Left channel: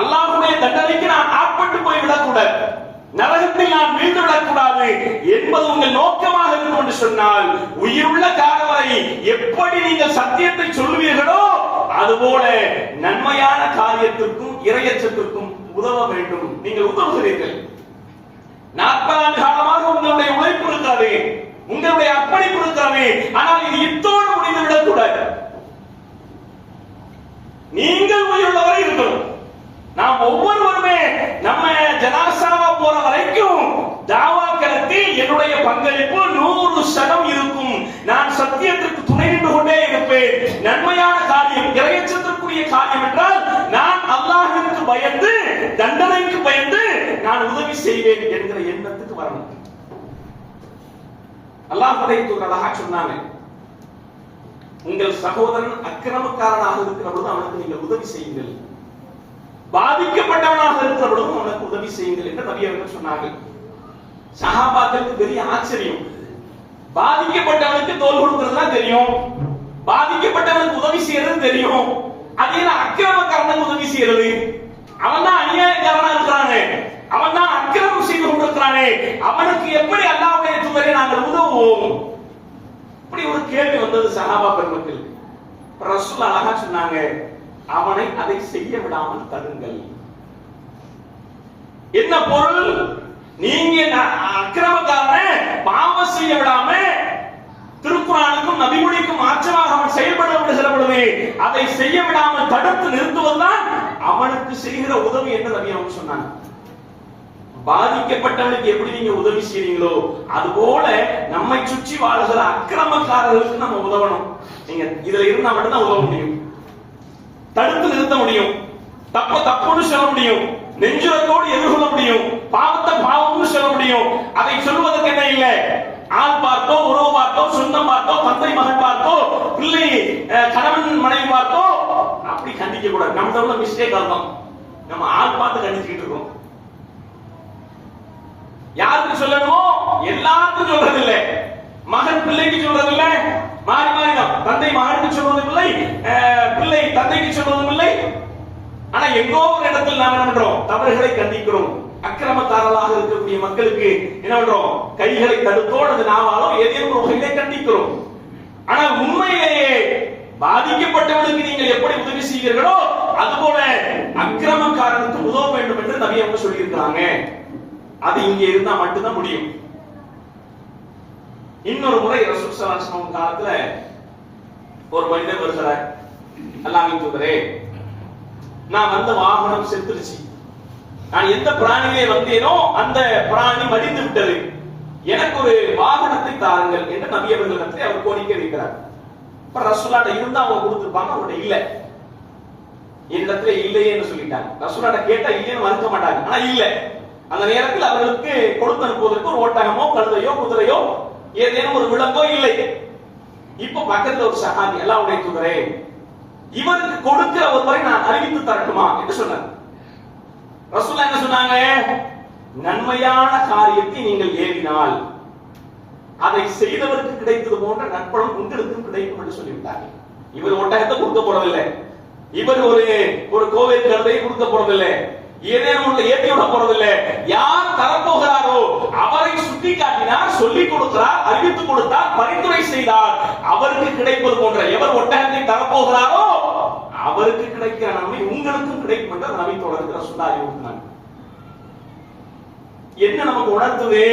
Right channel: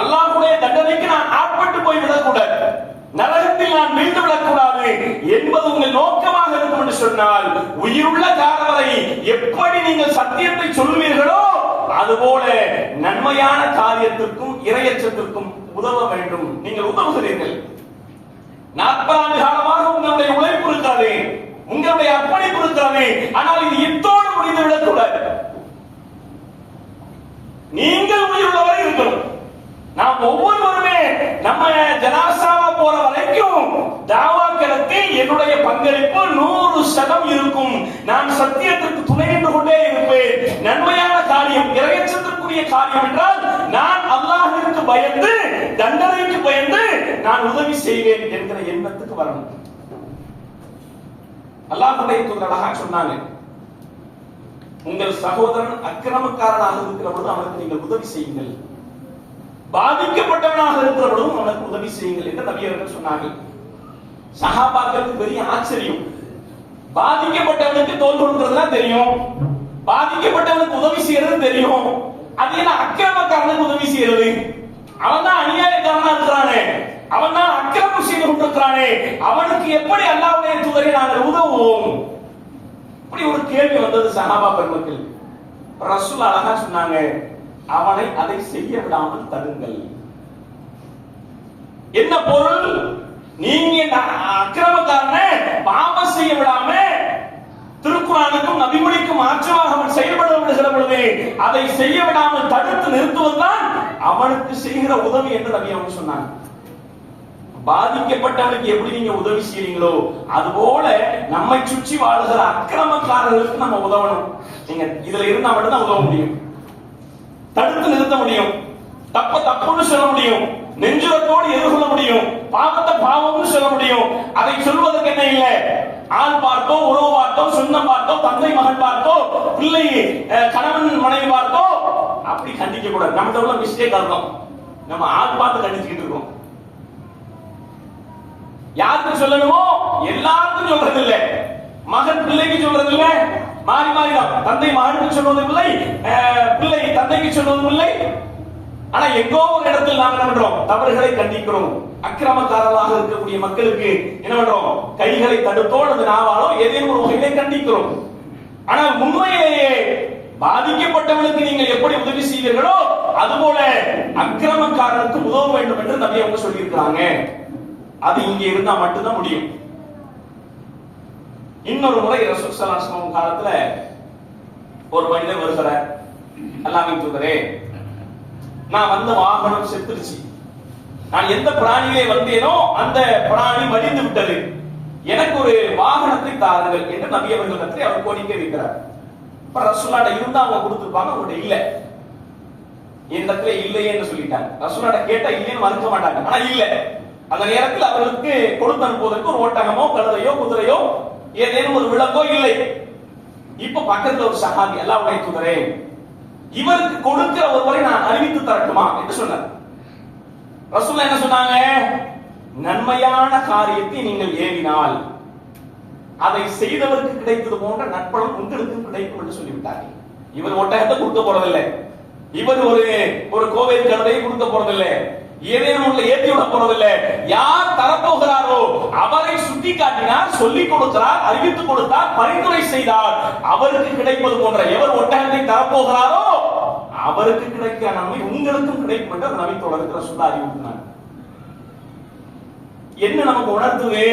அல்லாஹ்வுடைய தண்டனைக்கு நான் ஆட்பட்டு போய் விடக்கூடாது, நரகத்தில் நான் வீழ்ந்து விடக்கூடாது என்பது உங்கள் நோக்கமாக இருக்கும் என்று சொன்னால், உயிருள்ள காலம் வரை எப்படி நீங்கள் சத்தியத்தை சொல்வீர்களோ அதுபோல நன்மையான காரியத்திற்கும் இறையச்சத்திற்கும் உதவ வேண்டும். நீங்கள் உதவுகிறீர்கள். 40 ஆண்டு காலமாக உங்களுடைய உழைப்பு இருக்கிறது, உங்களுடைய அர்ப்பணிப்பு இருக்கிறது. ஆனால் இது இத்தோடு முடிந்து விடக்கூடாது. நீங்கள் உயிருள்ளவரை இருக்கணும். நாம் ஒவ்வொருவருமே நம்ம ஜனாசாவா போற வரைக்கும் தாவா களத்தில் என்னுடைய பங்களிப்பு 100% இருக்கும். நான் சத்தியத்திற்கு துணை நின்று கொண்டே இருப்பேன். நன்மையான காரியம், இறையச்சத்திற்குரிய காரியம் என்றால் நான் அல்லாஹ்விற்கு பயந்து, தண்டனைக்கு பயந்து நான் உதவி செய்வேன் என்கிற எண்ணத்துக்கு வரணும். அல்லாஹ்வுடைய தூதர் அழகா சொன்னாங்க, உங்கள் சகோதரன் அக்கிரமக்காரனாக இருக்கிற பொழுது அவனுக்கு நீங்கள் உதவி செய்யுங்கள், பாதிக்கப்பட்டவனாக இருக்கிற பொழுதும் அவனுக்கு உதவி செய்யுங்கள் என்று நபி அவர்கள் சொன்னார்கள். சஹாபாக்களுக்கு பெரிய ஆச்சரியம். பாதிக்கப்பட்டவனுக்கு தோல் கொடுக்கிறதுலாம் தெரியும், பாதிக்கப்பட்டவனுக்கு உதவி செய்யறது தெரியும், அது என்ன அக்கிரமக்காரனுக்கு உதவி செய்யறது? அவன் தான் அநியாயக்காரனா இருக்கிறானே, அவன் தான் அக்கிரமம் செய்து கொண்டிருக்கிறானே, அவனுக்கு எப்படி அல்லாஹ்வுடைய தூதரை நாங்கள் உதவுவோம்? இப்படி ஒரு கேள்வி வந்தது சஹாபா பெருமக்கள். ரசூல் அழகா சொன்னாங்க, அவனை அதை செய்ய விடாமல் தடுங்கள். என்ன பொருள்? நீங்க அக்கிரமக்காரனை பாவம் செய்ய விடாம, திருக்குறானுக்கும் நபிமொழிக்கும் மாற்றமாக அவன் செயல்பட விடுகிற பொழுது அதை செய்ய விடாமல் தடுத்து நிறுத்துவதுதான் அவனுக்கு செய்கிற உதவி என்று நபி அவங்க சொன்னாங்க. பாதிக்கப்பட்டவனுக்கு எப்படி நீங்க உதவி செய்றீங்களோ அதுபோல நம்மை சுற்றி வாழ்கிற அக்கிரமக்காரர்களுக்கு நம்ம உதவணும். நீங்க இதுல இருந்தா மட்டும்தான் உதவ முடியும், தடுத்து நிறுத்த முடியும், தப்பு தப்புன்னு சொல்ல முடியும், நெஞ்சுரத்தோடு எதிர்கொள்ள முடியும், பாவத்தை பாவம்னு சொல்ல முடியும். அதை சொல்வதற்கு என்ன இல்லை, ஆள் பார்த்தோ, உறவு பார்த்தோ, சொந்தம் பார்த்தோ, தந்தை மகன் பார்த்தோ, பிள்ளை கணவன் மனைவி பார்த்தோ அப்படி கண்டிக்க கூடாது. நம்ம உள்ள மிஸ்டேக் இருக்கும், நம்ம ஆள் பார்த்து கண்டிச்சுக்கிட்டு இருக்கோம். யாருக்கு சொல்லணுமோ எல்லாருக்கும் சொல்றது இல்லை, மகன் பிள்ளைக்கு சொல்றது இல்லை, மாறி மாறிதான். தந்தை மகனுக்கு சொல்வதும் இல்லை, பிள்ளை தந்தைக்கு சொல்வதும் இல்லை. ஆனா எங்கோ ஒரு இடத்தில் நாம் என்ன பண்றோம், தவறுகளை கண்டிக்கிறோம். அக்கிரமக்காரர்களாக இருக்கக்கூடிய மக்களுக்கு என்ன பண்றோம், கைகளை தடுத்தோடு அது நாவாலோ ஏதேனும் ஒரு வகையிலே கண்டிக்கிறோம். ஆனால் உண்மையிலேயே பாதிக்கப்பட்டவர்களுக்கு நீங்கள் எப்படி உதவி செய்வீர்களோ அதுபோல அக்கிரமக்காரனுக்கு உதவ வேண்டும் என்று நபி அவங்க சொல்லி இருக்கிறாங்க. அது இங்க இருந்தா மட்டும்தான் முடியும். இன்னொரு முறை ரசூல் ஸல்லல்லாஹு அலைஹி வஸல்லம் காலத்துல ஒரு மனிதர் வருகிறார், அல்லாஹ்வின் தூதரே, நான் வந்த வாகனம் செத்துருச்சு, நான் எந்த பிராணியிலே வந்தேனோ அந்த பிராணி மடிந்து விட்டது, எனக்கு ஒரு வாகனத்தை தாருங்கள் என்று நபி அவர்களிடத்தில் அவர் கோரிக்கை வைக்கிறார். இப்ப ரசூலுல்லாஹ் இருந்தா அவங்க கொடுத்திருப்பாங்க, அவங்கள்ட்ட இல்ல, என்னிடத்துல இல்லையே என்று சொல்லிட்டாங்க. ரசூலுல்லாஹ் கேட்டா இல்லைன்னு மறுக்க மாட்டாங்க, ஆனா இல்ல. அந்த நேரத்தில் அவர்களுக்கு கொடுத்து அனுப்புவதற்கு ஒரு ஒட்டகமோ கழுதையோ குதிரையோ ஏதேனும் ஒரு விலங்கோ இல்லை. இப்ப பக்கத்துல ஒரு சஹாபி, அல்லாஹ்வுடைய தூதரே, இவருக்கு கொடுக்கிற ஒருவரை நான் அறிவித்து தரட்டுமா என்று சொன்னார். ரசூலுல்லாஹ் என்ன சொன்னாங்க, நன்மையான காரியத்தை நீங்கள் ஏவினால் அதை செய்தவருக்கு கிடைத்தது போன்ற நற்பலன் உங்களுக்கு கிடைக்கும் என்று சொல்லிவிட்டார்கள். இவர் ஒட்டகத்தை கொடுக்க போறதில்லை, இவர் ஒரு கோவில் கழுதையை கொடுக்க போறதில்லை, ஏதேனும் உள்ள ஏற்றி விட போறதில்லை. யார் தரப்போகிறாரோ அவரை சுட்டி காட்டினார், சொல்லிக் கொடுக்கிறார், அறிவித்துக் கொடுத்தார், பரிந்துரை செய்தார், அவருக்கு கிடைப்பது போன்ற எவர் ஒட்டகத்தை தரப்போகிறாரோ அவருக்கு கிடைக்கிற நன்மை உங்களுக்கும் கிடைக்கும் என்று நபி தொடர்கிற சொல்ல அறிவுறுத்தினார். என்ன நமக்கு உணர்த்துது?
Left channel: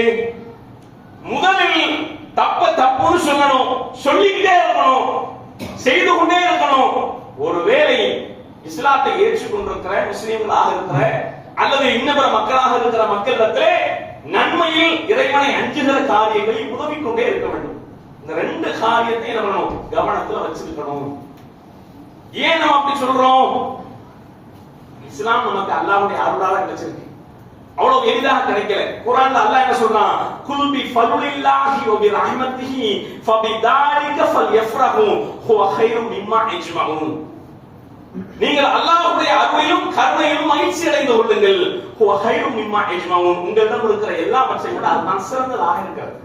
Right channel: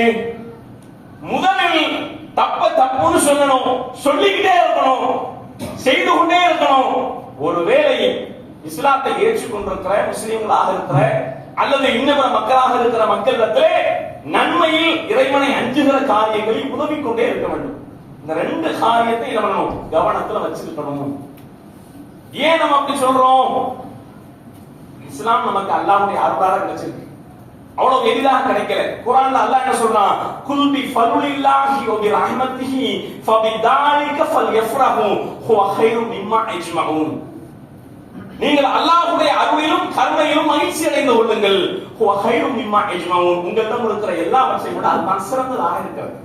முதலில் தப்ப தப்புன்னு சொல்லணும், சொல்லிக்கிட்டே இருக்கணும், செய்து கொண்டே இருக்கணும். ஒருவேளை இஸ்லாத்தை ஏற்றுக்கொண்டிருக்கிற முஸ்லிம்களாக இருக்கிற அல்லது இன்னபிற மக்களாக இருக்கிற மக்களிடத்திலே நன்மையில் இறைவனை அஞ்சுகிற காரியங்களில் உதவி கொண்டே இருக்க வேண்டும். இந்த ரெண்டு காரியத்தை நம்ம கவனத்துல வச்சிருக்கணும். ஏன் நம்ம அப்படி சொல்றோம்? இஸ்லாம் நமக்கு அல்லாஹ்வுடைய அருளால கிடைச்சிருக்கு, அவ்வளவு எளிதாக கிடைக்கல. குர்ஆன்ல அல்லாஹ் என்ன சொல்றான், குல் பி ஃபதுலில்லாஹி வ பி ரஹ்மத்திஹி ஃபபிதாலிக ஃபல்யஃப்ரஹு ஹுவ கைரும் மிம்மா யஜ்மஊன். நீங்கள் அல்லாஹ்வுடைய அருளிலும் கருணையிலும் மகிழ்ச்சி அடைந்து கொள்ளுங்கள். ஹுவ கைரும் மிம்மா யஜ்மஊன். உங்களிடம் இருக்கிற எல்லாவற்றையும் விட அதுதான் சிறந்ததாக இருக்கிறது.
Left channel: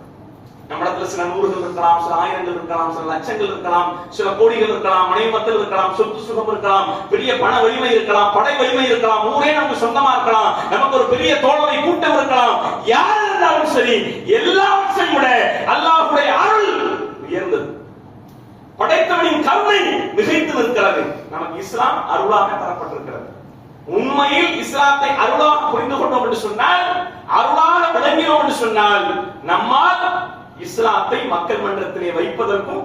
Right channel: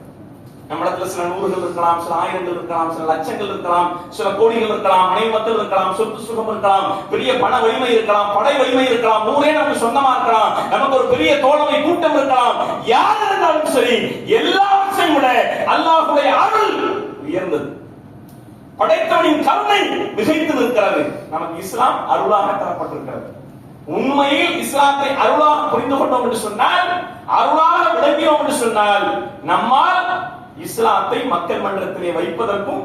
நம்மிடத்துல சில நூறுகள் இருக்கலாம், சில ஆயிரங்கள் இருக்கலாம், சில லட்சங்கள் இருக்கலாம், சில கோடிகள் இருக்கலாம், மனைவி மக்கள் இருக்கலாம், சொத்து சுகம் இருக்கலாம், பெரிய பண வலிமை இருக்கலாம், படை வலிமை இருக்கலாம், ஊரே நமக்கு சொந்தமா இருக்கலாம், நமக்கு ஒரு பெரிய தோழமை கூட்டம் இருக்கலாம். யார் இருந்தாலும் சரி, எல்லாவற்றையும் விட அல்லாஹ்வுடைய அருள் உயர்ந்தது. படைத்தவனின் கருணை மிகைத்து நிற்கிறது. நமக்கு இஸ்லாம் அருளாக தரப்பட்டிருக்கிறது. உண்மையில் இஸ்லாத்தை அருளாக புரிந்து கொண்டோம் என்று சொன்னால், அருளாக விளங்கினோம் என்று சொன்னால், நம்மால் இஸ்லாத்தை மக்கள் மன்றத்திலே வைப்பதற்கும்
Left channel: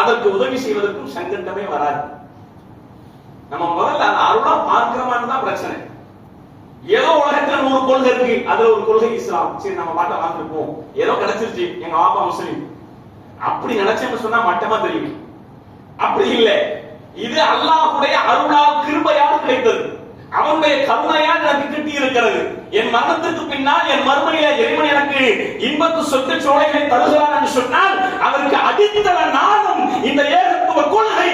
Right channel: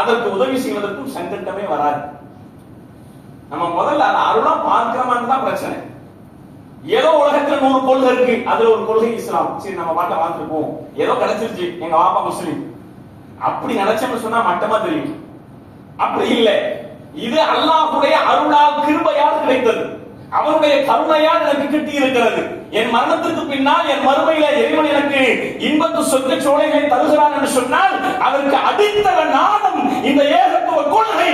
அதற்கு உதவி செய்வதற்கும் சங்கண்டமே வராது. நம்ம முதல்ல அருளா பார்க்கிறோமான்னு தான் பிரச்சனை. ஏதோ உலகத்துல 100 கொள்கை இருக்கு, அதுல ஒரு கொள்கை இஸ்லாம். சரி, நம்ம பாட்டை வாழ்ந்துருப்போம், ஏதோ கிடைச்சிருச்சு, எங்க வாப்பா முஸ்லீம், அப்படி நினைச்சோம்னு சொன்னா மட்டமா தெரியும். அப்படி இல்லை. இது அல்லாஹ்வுடைய அருளால் கிருபையால் கிடைத்தது. அவனுடைய கருணையால் எனக்கு கிட்டி இருக்கிறது. என் மரணத்துக்கு பின்னால் என் மறுமையில இறைவன் எனக்கு இன்பத்து சொத்து சோலைகளை தருகிறான் என்று சொன்னால், அதற்கு அடித்தள நாதம் இந்த ஏகத்துவ கொள்கை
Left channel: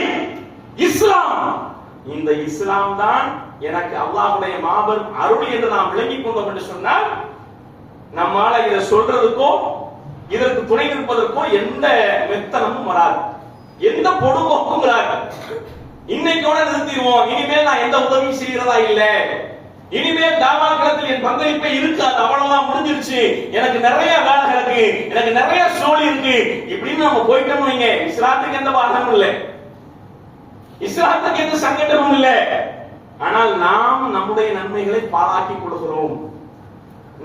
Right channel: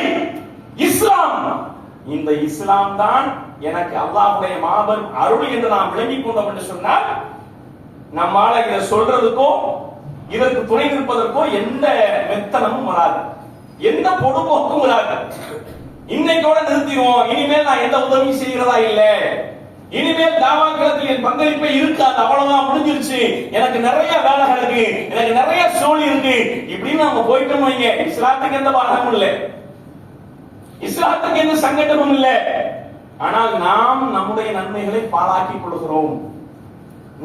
இஸ்லாம். இந்த இஸ்லாம் தான் எனக்கு அல்லாஹ்வுடைய மாபெரும் அருள் என்று நாம் விளங்கிக் கொண்டோம் என்று சொன்னால், நம்மால இதை சொல்றதுக்கோ இதற்கு துணை நிற்பதற்கோ எந்த மெத்தனமும் வராது, எந்த பொடுபோக்கும் வராது. இன்னைக்கோட நிறுத்திடுவோம், இனிமேல் நான் எந்த உதவியும் செய்கிறதா இல்ல, இனிமேல் தாவாக்களத்தில் என் பங்களிப்பை இருக்காது, அவ்வளவுதான், முடிஞ்சிருச்சு, எனக்கு நிறைய வேலை இருக்கு, எனக்கு நிறைய சோழி இருக்கு, இப்படின்னு நம்ம போயிட்டோம் வைங்க, இஸ்லாத்துக்கு எந்த பாதமும் இல்லை, இஸ்லாத்துக்கு எந்த சங்கடமும் இல்லை. ஆனால் நாம் நம்முடைய நன்மைகளை பாழாக்கிக் கொள்கிறோம்,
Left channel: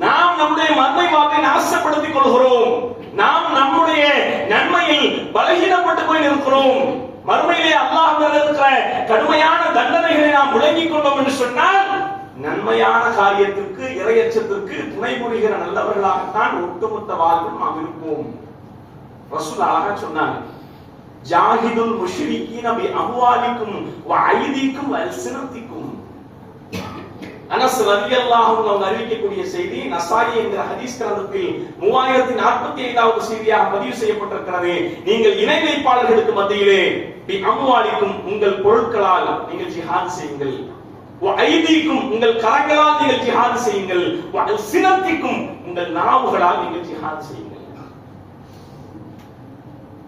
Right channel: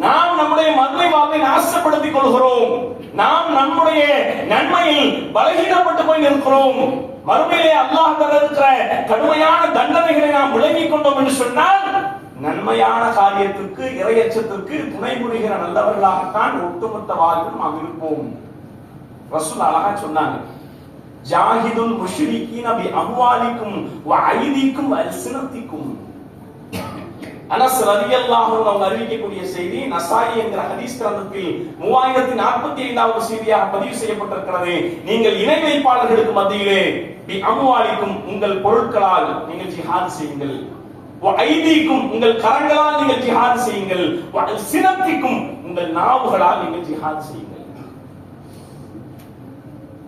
நாம் நம்முடைய மர்மை வாக்கை நாசப்படுத்திக் கொள்கிறோம், நாம் நம்முடைய நன்மையில் பலகீனப்பட்டு போய் நிற்கிறோம். மறுமையிலே அல்லாஹ் தர இருக்கிற கடுமையான தண்டனைகளை நாம் விளங்கிக் கொண்டோம் என்று சொன்னால், நன்மையான காரியத்திற்கு இறையச்சத்திற்கு துணை புரிகிற நல்லவர்களாகத்தான் ஒட்டுமொத்த வாழ்வில் நாம் இருப்போம். ரசூல் அழகா சொன்னாங்க, ஜாஹிதுல் முஷ்ரிகீன பி அம்வாலிக்கும் வ ஐதீக்கும் வ அல்சினத்திக்கும். அனஸ் ரலியல்லாஹு அன்ஹு அறிவிக்கக்கூடிய செய்தி நசாயி என்கிற ஹதீஸ் கிரந்தத்தில் 3045வது செய்தியாக பதிவு செய்யப்பட்டிருக்கிறது. நீங்கள் இணை வைப்பாளர்களுக்கு மத்தியிலே பி அம்வாலிக்கும் உங்கள் பொருட்களால் நீங்கள் ஜிஹாத் செய்யுங்கள், வ ஐதீக்கும் உங்கள் கரங்களால் நீங்கள் ஜிஹாத் செய்யுங்கள், வ அல்சினத்திக்கும் உங்கள் நாவுகளால் நீங்கள் ஜிஹாத் செய்யுங்கள்.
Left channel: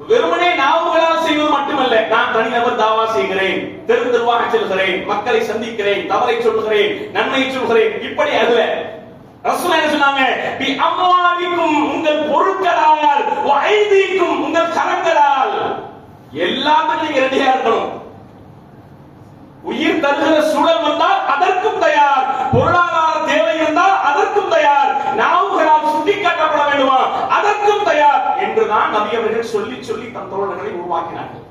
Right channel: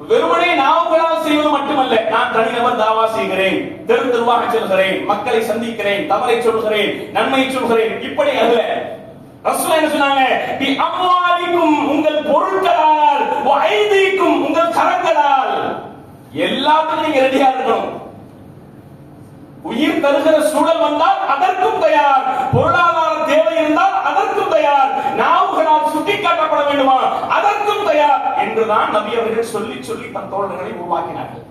வெறுமனே நாவுகளால் செய்வது மட்டுமல்ல, நான் தனிநபர் தாவா செய்கிறேன், தெரு தெருவாக செல்கிறேன், மக்களை சந்திக்கிறேன், தவறை சொல்கிறேன், நன்மையை சொல்கிறேன், இப்படி அல்ல. ரசூல் என்ன சொன்னாங்க, பி அம்வாலிக்கும் உங்கள் பொருட்களால், வ ஐதீக்கும் உங்கள் கரங்களால். எல்லாத்துக்கும் நீங்க ரெடியா இருக்கணும். உயிர் தருகிற சூழல் வந்தால் அதற்கும் தயார், பொருளாதார தேவை இருந்தால் அதற்கும் தயார், நாவுகளால் சுட்டிக்காட்டப்பட வேண்டுமா அதற்கும் தயார் என்றுதான் நபி அவர்கள் சொல்லி சொல்லி தம் தோழர்களை உருவாக்கினார்கள்.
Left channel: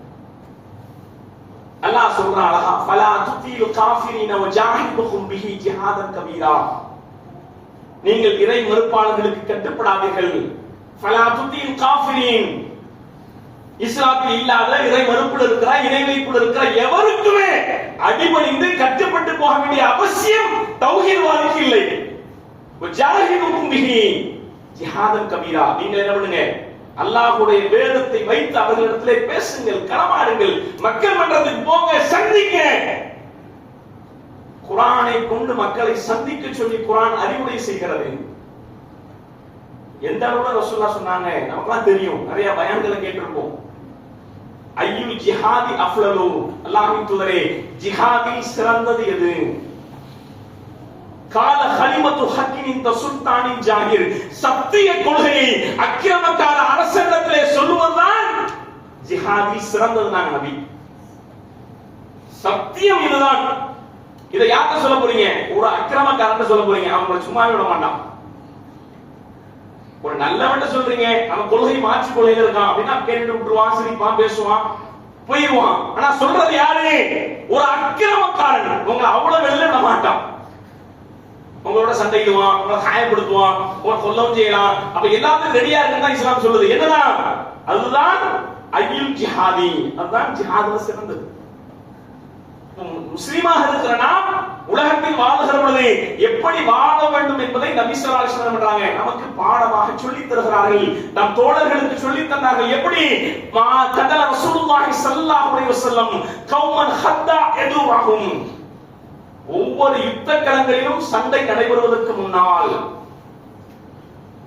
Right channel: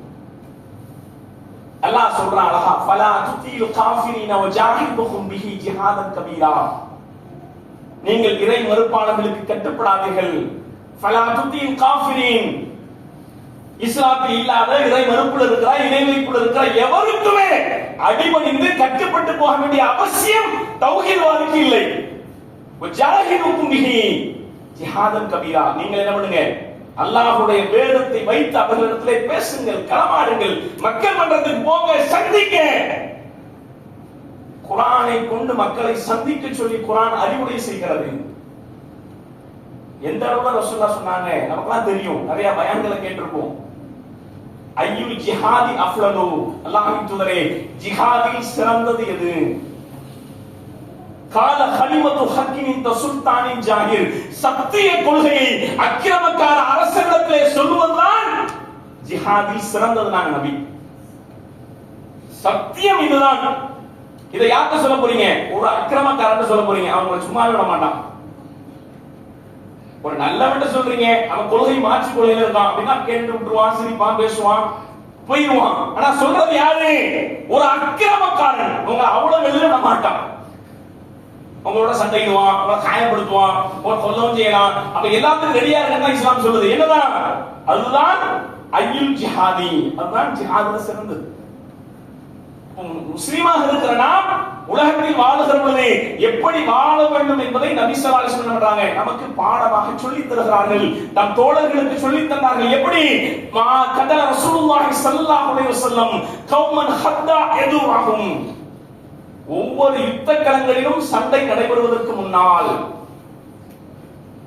அல்லாஹ் சொல்றான் அழகா, ஃபலா துதீல் காஃபிரீன வஜாஹிதுஹும் பிஹி ஜிஹாதன் கபீரா. நீங்கள் இறை மறுப்பாளர்களுக்கு கட்டுப்படாதீர்கள். ஃபலா துதீல் காஃபிரீன், இஸ்லாத்தில் இல்லாத இறை மறுப்புல இருக்கிற இறை வைப்புல இருக்கிற எவருக்குமே அடிபணிந்து கட்டுப்பட்டு போக வேண்டிய அவசியம் தௌஹீத்வாதிக்கு இல்லை. வஜாஹிதுஹும் பிஹி ஜிஹாதன் கபீரா. நீங்கள் என்ன பண்ணுங்க, அல்லாஹ்வுடைய வேதத்தை வைத்து அவர்களிடத்திலே பேசுங்கள், களமாடுங்கள், மக்கள் மன்றத்துக்கு போங்க, சந்திக்க. குர்ஆனை கொண்டு மக்களை சந்திக்க சொல்லி குர்ஆன் அறிவுரை செய்கிறது. எந்த அளவுக்கு ரசூலுல்லாஹ் சொன்னாங்க நமக்குலாம் தெரியும், நிறைய பயான்களை கேட்டிருப்போம். ஐயுல் ஜிஹாதி அஃலலு, அல்லாஹ்வின் தூதரே ஜிஹாதில் சிறந்தது எது? கால கலிமத்து ஹக்கின் இந்த சுல்தானின் ஜாகிர், சத்திய கொள்கையை அக்கிரமக்கார அரசனிடத்திலே சொல்லுவதுதான் ஜிஹாதில் சிறந்தது. நாங்க நபி, சத்தியம் இதுதான். இதை யார்கிட்ட சொல்ல போறீங்க? ஒரு அக்கிரமக்காரன் சொல்ல போறீங்க, அவங்களை சும்மாவே விட மாட்டான். ஒரு நல்லவன் சொல்றீங்க, அவன் கொள்கை மாற்றி கொள்கையில இருக்கான் அப்படின்னா கேட்டு விட்டுருவான், சிரிப்பான், பேசுவான், போயிடுவான். ஆனா சொல்றது யாரு? ஒரு அக்கிரமக்காரன். உங்களை அவ்வளவு வெளியில விட மாட்டான், உங்களோட சண்டையிடுவான், உங்களை காயப்படுத்துவான், உங்களை கொல்லவும் செய்யலாம். அப்ப எல்லாத்துக்கும் ரெடியா இருக்குன்னு இஸ்லாம் சொல்லுது. என்னதான்? அதுதான் ஐயுல் ஜிஹாதி, அதுதான் ஜிஹாதுல சிறந்தது. முஸ்லிமாக இருக்கிற நாம் உலகத்தில் வாழுகிற பொழுது எப்படி வாழ வேண்டும் என்பதை நபி ஸல்லல்லாஹு அலைஹி வஸல்லம் பண்றாங்க, நமக்கு பாடமாக சொல்லி தருகிறார்கள், நம் தோழர்களுக்கு சொல்லி தந்தார்கள். எப்படி? மா கதல ரசூலுல்லாஹி ஸல்லல்லாஹு அலைஹி வஸல்லம் கௌமன் ஹத்தா யதுஹும். ஒவ்வொரு யுத்த களங்களிலும் சண்டை நடைபெறுவதற்கு முன்னால்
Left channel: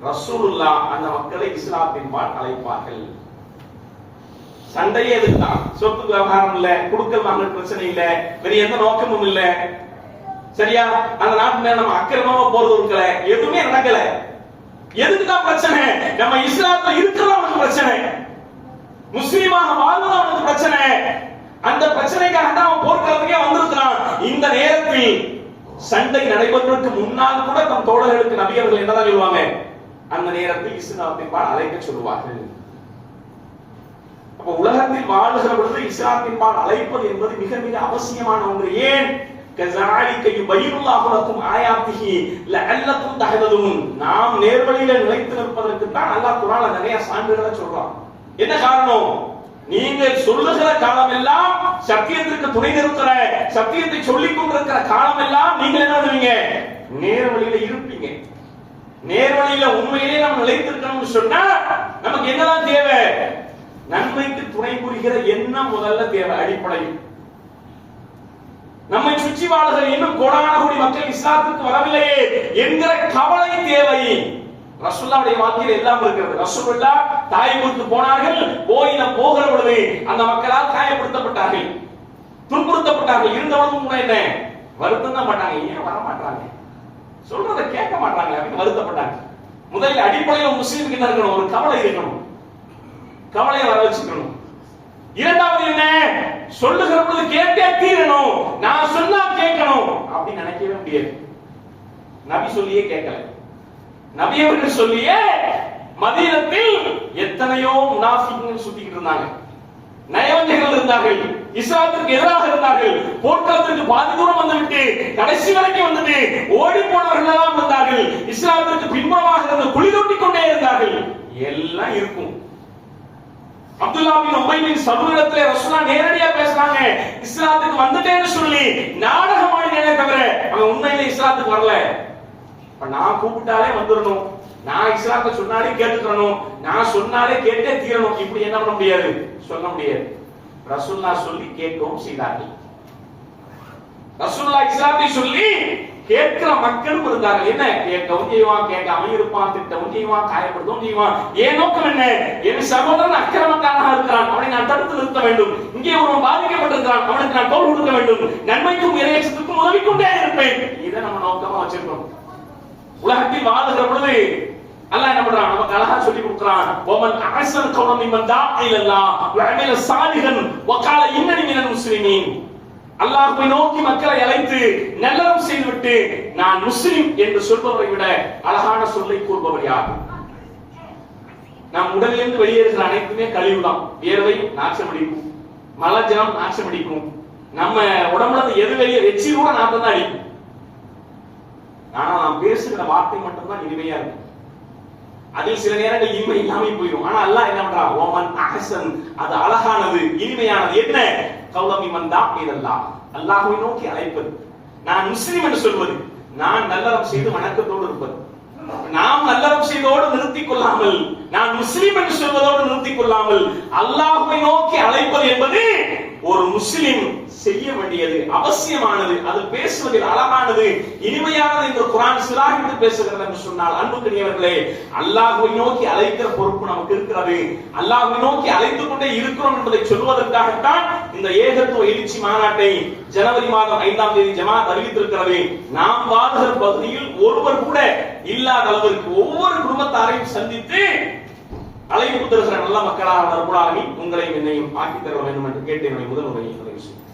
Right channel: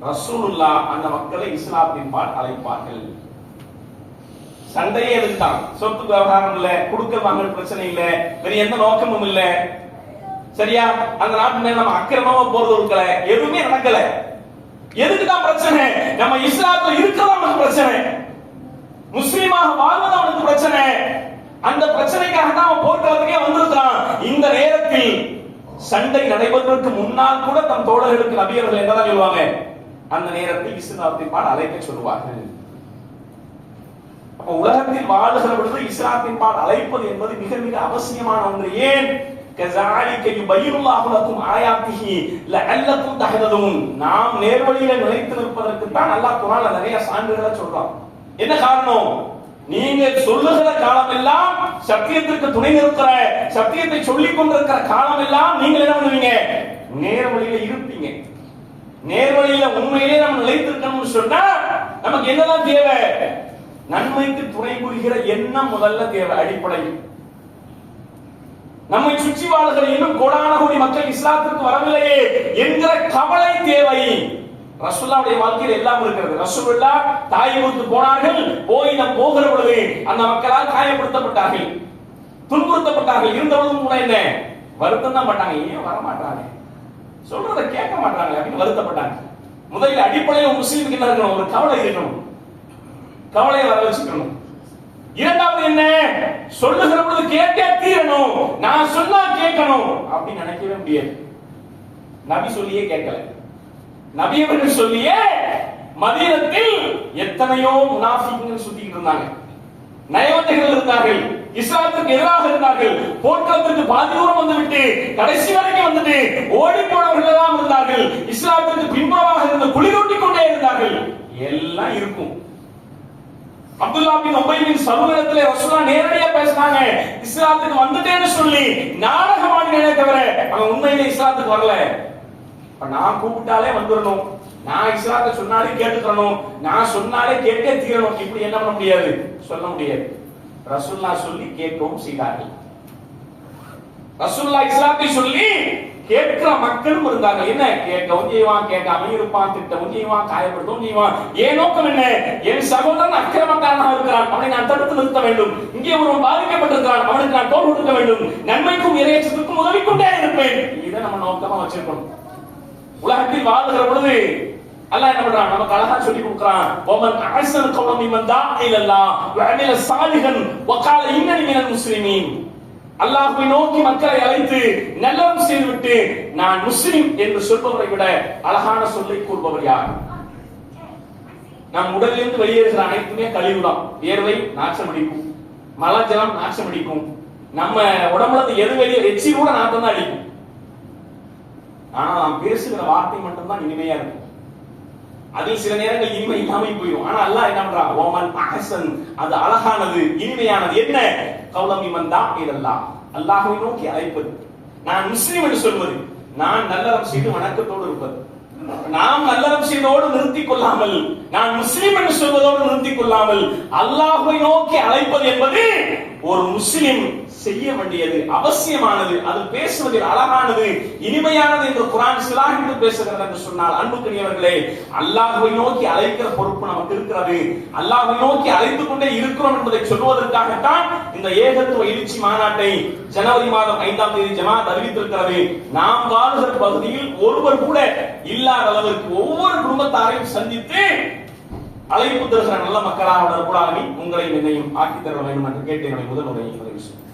ரசூலுல்லாஹ் அந்த மக்களை இஸ்லாத்தின் பால் அழைப்பார்கள். சண்டையே எதுக்குதான்? சொத்து விவகாரம் இல்ல, குடுக்கல் வாங்கல் பிரச்சனை இல்ல, வேற எந்த நோக்கமும் இல்ல. சரியா? அந்த நாட்டுல நம்ம அக்கிரமமா போறது இருக்கல, எதுவுமே நடக்கல. எதுக்குதான் பிரச்சனை? நம்ம இஸ்லாத்துல இருக்கிறதா நமக்கு பிரச்சனை, முஸ்லீமாக வாழ்வது அவனுக்கு பிரச்சனை. அந்த பிரச்சனைக்காக தான் அவன் போர்க்களத்துக்கே வந்திருக்கிறான். இந்த நேரத்தில் சண்டை நடைபெறுவதற்கு முன்னால் கூட தம் தோழர்களுக்கு நபி அவர்கள் என்னதான் சொல்லுவாங்க? அந்த நேரத்தில் இஸ்லாத்தின் பால் அழைக்க சொல்லுவார்கள். அப்ப உலகத்தில் வாழுகிற பொழுது இஸ்லாத்தின் பால் அழைப்பது என்பது மிக மிக அவசியமான ஒன்று. ஏன்? நாம் நேர்வழியில நிலைத்து நிற்பதற்கு தான் அல்லாஹ் குர்ஆன்ல நிறைய சான்றுகளை சொல்றான். என்ன காரணம்? நீங்க சொல்லுகிற காலம் எல்லாம் சத்தியத்திற்கு துணை நிற்கிற, சத்தியத்தை சொல்லிக் கொண்டிருக்கிற காலம் எல்லாம் நீங்கள் என்ன பண்ணுவீங்க? நேர்வழியில இருப்பீங்க. நேர்வழியில உண்மையிலே நம்ம நிலைத்திருக்கணும்னு சொன்னா நமக்கு என்னதான் தேவை? நன்மைக்கு துணை புரிகிற எண்ணம் முதல்ல தேவை, அடிப்படை. நம்மை சுற்றி வாழுகிற இன்னும் கோடான கோடி மக்கள் இஸ்லாத்துக்கு வரவில்லையே என்கிற கவலை தேவை. ரசூலுல்லாஹ்வுடைய வாழ்க்கையில் எல்லாம் இருக்கிறது. ரசூலுல்லாஹ் தாயிற்கு போனார்கள், போகிற பொழுது அந்த மக்களால் காயப்படுத்தப்பட்டார்கள், துன்புறுத்தப்பட்டார்கள். இருந்தவங்களும் கூட என்ன வருத்தம் தான் பட்டாங்க. ஏன் வர மாட்டாங்க, சொல்றதை கேட்க மாட்டாங்க அப்படின்னு வருத்தப்பட்டாங்க. முதலில் அடிப்படையில் முஸ்லீமுக்கு என்ன இருக்கணும்? ஒரு கவலை இருக்கணும், கவலையை வர வச்சுக்கணும். இரண்டாவது என்ன? சொல்லுகிற பொழுது கேட்டே தீரணும், நான் சொன்னா கேட்கணும் அப்படின்னு நினைக்கவே முடியாது. நபி சொல்லியே கேட்கல. நபி அவர்கள் சொல்லியே மதீனத்தில் எத்தனையோ முனாஃபிக்குகள் சுத்திக்கிட்டு இருந்தாங்க, நயவஞ்சகர்கள் இருந்தார்கள், இஸ்லாத்துக்கு எதிராக இருந்தார்கள், போர்க்களத்திற்கு பாதி தூரம் வந்துவிட்டு கடைசி வரைக்கும் வந்துட்டு ஓடி போனவர்கள் எல்லாம் இருந்தார்கள், இஸ்லாத்திற்கு பின்புறமாக இருந்து குழி தோண்டிக் கொண்டே இருந்தார்கள். எல்லாம் இருக்கும். அப்துல்லா பின் உபை பின் சலூலிடத்திலே ரசூலுல்லாஹ் நேரடியா பேசுறாங்க, இஸ்லாத்துக்கு வந்துட்டேன்னு சொல்லி நாடகமாடினே தவிர அவன் உண்மையிலே இஸ்லாத்துக்கு வரல. நான் கூப்பிட்டாலே வந்துடணும், நான் இஸ்லாத்தை சொன்னாலே கேட்டுக்கணும், நான் சொன்னாலே கேட்டே தீரணும், இப்படி என்ன பண்ண முடியாது, சொல்ல முடியாது. ரசூலுல்லாஹ் சொல்லி கேட்கவும் செய்தார்கள். ரசூலுல்லாஹ் இஸ்லாத்தை சொல்லி கேட்கிற மக்களும் இருந்தார்கள். என்ன கேட்கவும் செய்வான், கேட்காம இருப்பான், திட்டவும் செய்வான், காயப்படுத்தவும் செய்வான். ஏன் நோக்கம் என்ன? என் சகோதரன் அக்கிரமக்காரனாக இருக்கிறான், அவனை நான் தடுத்து நிறுத்த வேண்டும். இங்கே ஒருவன் பாதிக்கப்பட்டிருக்கிறான், அவனுக்கு நான் தோள் கொடுக்க வேண்டும், நன்மைக்கும் இறையச்சத்துக்கும் உதவி கொண்டே இருப்பேன். இதை நம்ம நோக்கமா வச்சிருக்கோம். உலகத்தில் வாழுகிற பொழுது அல்லாஹ் என்ன பண்றான்? நமக்கு அழகா சொல்லி கொடுக்கிறான். ஓமன் அஹ்ஸன் கௌலம் மிமன் தாஅ இலல்லாஹ் வ அமில சாலிஹன் வ கால இன்னனி மினல் முஸ்லிமீன். அல்லாஹ்வை நோக்கி மக்களை அழைத்து நல்லறம் செய்துவிட்டு நான் முஸ்லிம் என்று சொல்பவரை விட அழகான சொல்லை கூறுபவர் யார்? நம் உடலிலிருந்து வெளியேறுகிற அனைத்துமே கழிவுதான். வியர்வை நாற்றம் அடிக்கும், மலஜலம் நாற்றம் அடிக்கும், நம்ம உடம்புல இருந்து எது வெளியே எச்சி கூட நாற்றம் தான் அடிக்கும். ஆனா நாம் பேசுகிற வார்த்தை மட்டும்தான் இனிமையா இருக்கும். அதில் சில நேரங்கள் இனிமை இல்லாமல் போயிடும். ஆனா அல்லாஹ் என்ன பண்றான்? ஓமன் அஹ்ஸன், அது அழகானது, இனிமையானது. என்ன? கௌலம் மிமன் தாஅ இலல்லாஹ், அல்லாஹ்வை நோக்கி அழைப்பது, நான் முஸ்லிம் என்று சொல்வது, நான் நல்லறம் செய்து வணக்கத்தோடு இருப்பது. நாம் நல்லறம் செய்தோடு நிறுத்திக் கொள்ளாமல், நான் முஸ்லிம் என்று சொல்வதோடு நிறுத்திக் கொள்ளாமல் அல்லாஹ்வை நோக்கி அழைப்பது என்பது ஒரு முஸ்லிம் செய்ய வேண்டியது, அவசியமானது. அது பேசுவதில் அழகானது, இனிமையானது என்று குர்ஆன் சிலாகித்து பேசுகிறது என்று சொன்னால், அன்புக்குரியவர்களே, அல்லாஹ்வை நோக்கி அழைக்கிற பொறுப்பு நமக்கு இருக்கிறது. அல்லாஹ்வை நோக்கி அழைத்துக் கொண்டே இருக்கிறோம் என்பதை சொல்வதற்காகத்தான் இந்த ஏகத்துவ எழுச்சி மாநாட்டை ஜனவரி மாதம் 5ஆம் தேதி ஜமாத் அறிவித்திருக்கிறது. நாம் வாழ்கிற பகுதியில் ஒருவர் கூட இல்லாத அளவிற்கு ஒவ்வொரு குடும்பத்தாரையும் சந்தித்து அழைப்பு தருகிற நல்ல மக்களாக ரப்பல் ஆலமீன் உங்களையும் என்னையும் ஆக்கித் தர வேண்டும் என்று கேட்டு என்னுடைய முதல் உரையை நிறைவு செய்கிறேன்.